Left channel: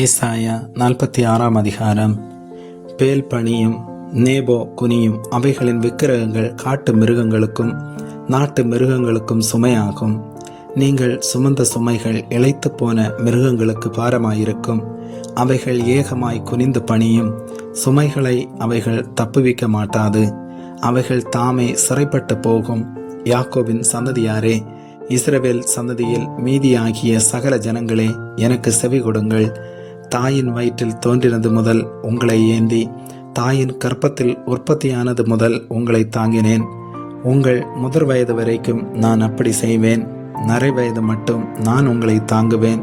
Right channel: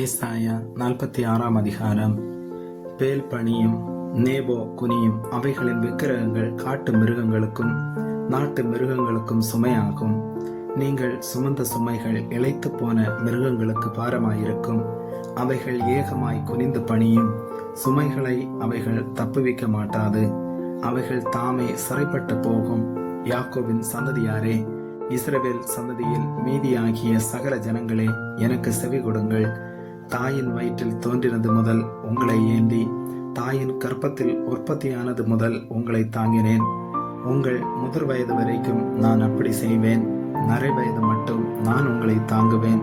ஏசாயா 46 அதிகாரம். பேல் பணியும் நேபோ குனியும் அவைகளின் விக்கிரகங்கள் காட்டு மிருகங்களுக்கும் நாட்டு மிருகங்களுக்கும் சுமையாகும். நீங்கள் சுமந்த சுமைகள் இளைத்து போன மிருகங்களுக்கு பாரமாயிருக்கும். அவைகள் ஏகமாய் குனிந்து பணியும். சுமைகளை அவைகள் தப்புவிக்க மாட்டாது. அவைகள் தாமே சிறைப்பட்டு போகும். யாக்கோபின் சந்ததியாரே, இஸ்ரவேல் சந்ததியில் மீதியாகிய சகல ஜனங்களே, எனக்கு செவி கொடுங்கள். தாயின் வயிற்றில் தோன்றினது முதல் உங்களை ஏந்தி, தாயின் கற்பத்தில் உற்பத்தியானது முதல் உங்களை தாங்கினேன். உங்கள் முதிர் வயது வரைக்கும் நான் அப்படி செய்வேன். நரை வயது மட்டும் நான் உங்களை தாங்குவேன்.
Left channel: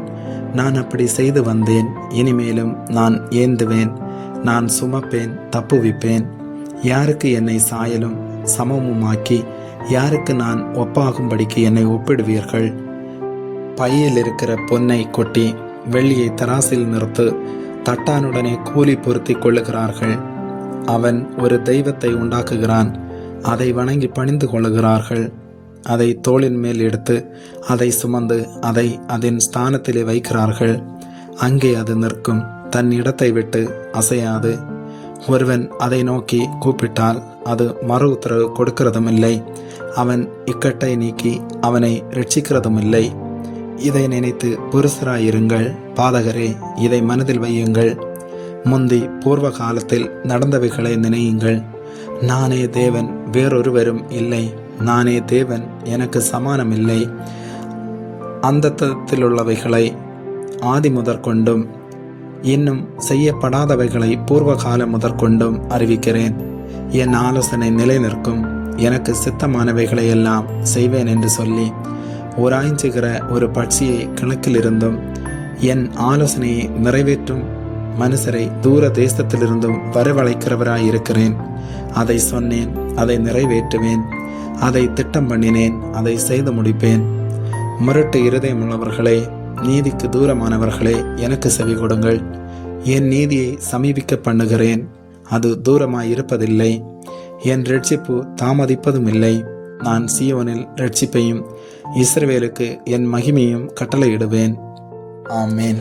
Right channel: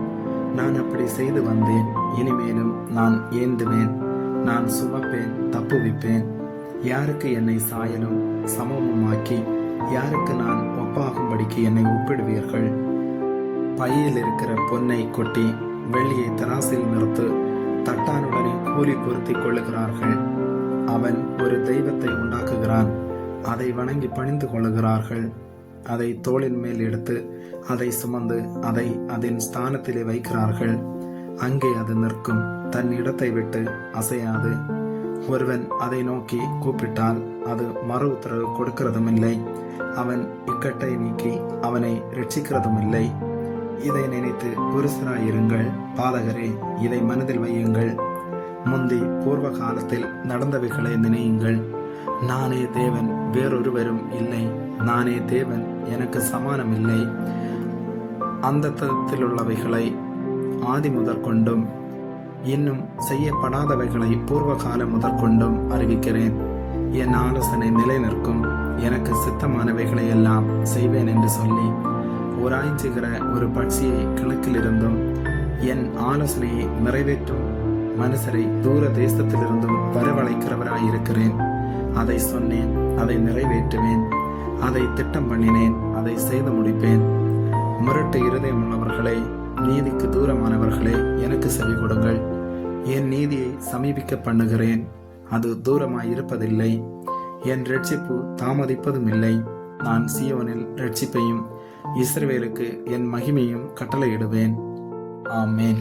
நான் அப்படி செய்து வந்தேன். இனிமேலும் நான் ஏந்துவேன். நான் சுமப்பேன், தப்புவிப்பேன். யாருக்கு என்னை சாயலும் சமமுமாக்கி யாருக்கு நான் ஒப்பாகும்படிக்கு என்னை ஒப்பிடுவீர்கள்? பையில் இருக்கிற பொன்னை கொட்டி வெள்ளியை தராசில் நிறுத்து. தட்டானுடனே கூலி பொருத்தி கொள்ளுகிறார்கள். அவன் ஒரு தெய்வத்தை உண்டாக்குகிறான். அதை வணங்கி பணிந்து கொள்ளுகிறார்கள். அதை தோளின் மேல் எடுத்து அதை சுமந்து அதை அதன் ஸ்தானத்திலே வைக்கிறார்கள். அங்கே அது நிற்கும், தன் இடத்தை விட்டு அசையாது. ஒருவன் அதை நோக்கி கூப்பிட்டால் அது மறு உத்தரவு கொடுக்கிறதும் இல்லை. அவன் இக்கட்டை நீக்கி அவனை ரட்சிக்கிறதும் இல்லை. இதை நினைத்து புருஷராயிருங்கள். பாதகரே, இதை மனதில் வையுங்கள். முந்தி பூர்வ காலத்தில் நடந்தவைகளை நினையுங்கள். நானே தேவன், வேறொருவரும் இல்லை. நானே தேவன், எனக்கு சமானம் இல்லை. அந்தத்திலுள்ளவைகளை ஆதி முதற்கொண்டும் இன்னும் செய்யப்படாதவைகளை பூர்வ காலம் முதற்கொண்டும் அறிவிக்கிறேன். என் ஆலோசனை நிலை நிற்கும். எனக்கு சித்தமானவைகளை எல்லாம் செய்வேன் என்று சொல்லி உராய்ஞ்சுகிற ஒரு பட்சியை கிழக்கிலிருந்தும் என் ஆலோசனையை நிறைவேற்றும் மனுஷரை தூர தேசத்திலிருந்தும் வரவழைக்கிறவராயிருக்கிறேன். அதை சொன்னேன், அதை நிறைவேற்றுவேன். அதை திட்டம் பண்ணினேன், அதை செய்து முடிப்பேன். முரட்டு இருதயமுள்ளவர்களே, நீதிக்கு தூரமானவர்களே, எனக்கு செவி கொடுங்கள். என் நீதியை சமீபிக்க பண்ணுகிறேன். அது தூரமாயிருப்பதில்லை. என் இரட்சிப்பு தாமதிப்பதும் இல்லை. நான் சீயோனில் இரட்சிப்பையும் இஸ்ரவேலுக்கு என் மகிமையும் கட்டளையிடுவேன். ஆமேன்.